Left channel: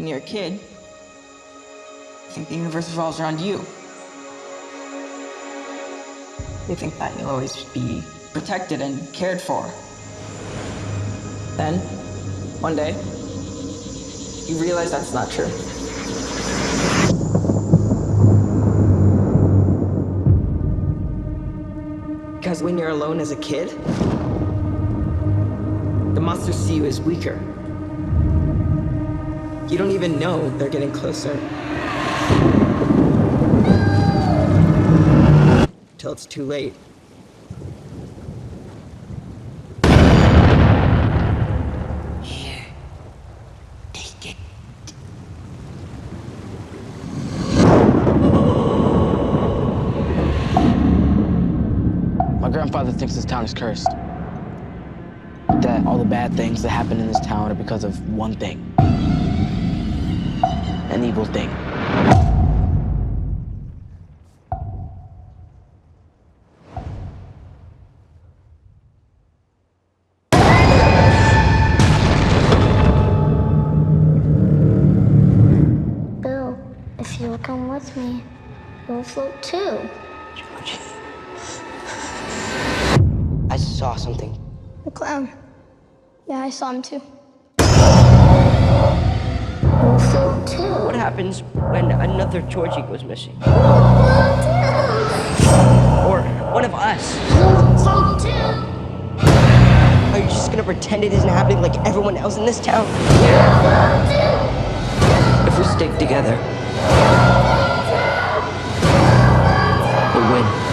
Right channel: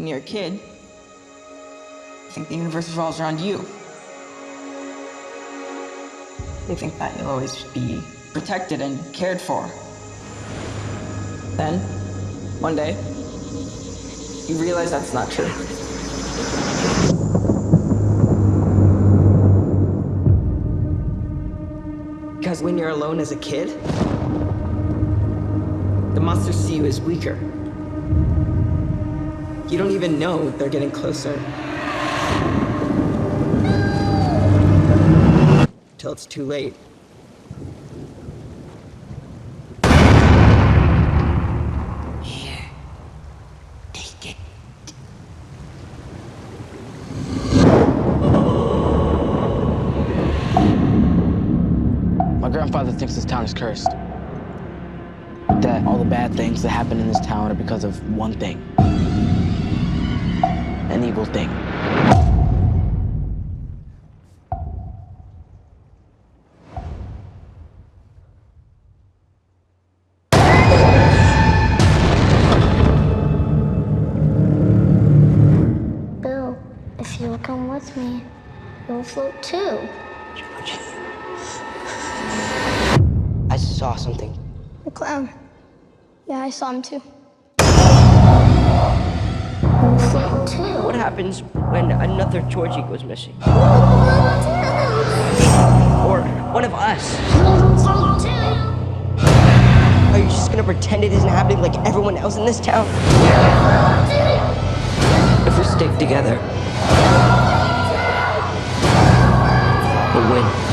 when you're a kid, you think the universe revolves around you. You think that you'll always be protected and cared for. Then, one day, you realize that's not true. Because when you're alone as a kid, the monsters see you as weaker. You don't even know they're getting closer. Till it's too late. Here, take it. My grandfather thinks this town is cursed. That all the bad things that happen in this town are because of one thing. An evil thing. Bill, if you'll come with me, you'll float too. George. I saw something. The clown. Yeah, I saw him too. Float too. What happens when another Georgie goes missing? Float too. Or one of us? Float too. Are you just gonna pretend it isn't happening like everyone else in this town? Float too. If we stick together, we'll win.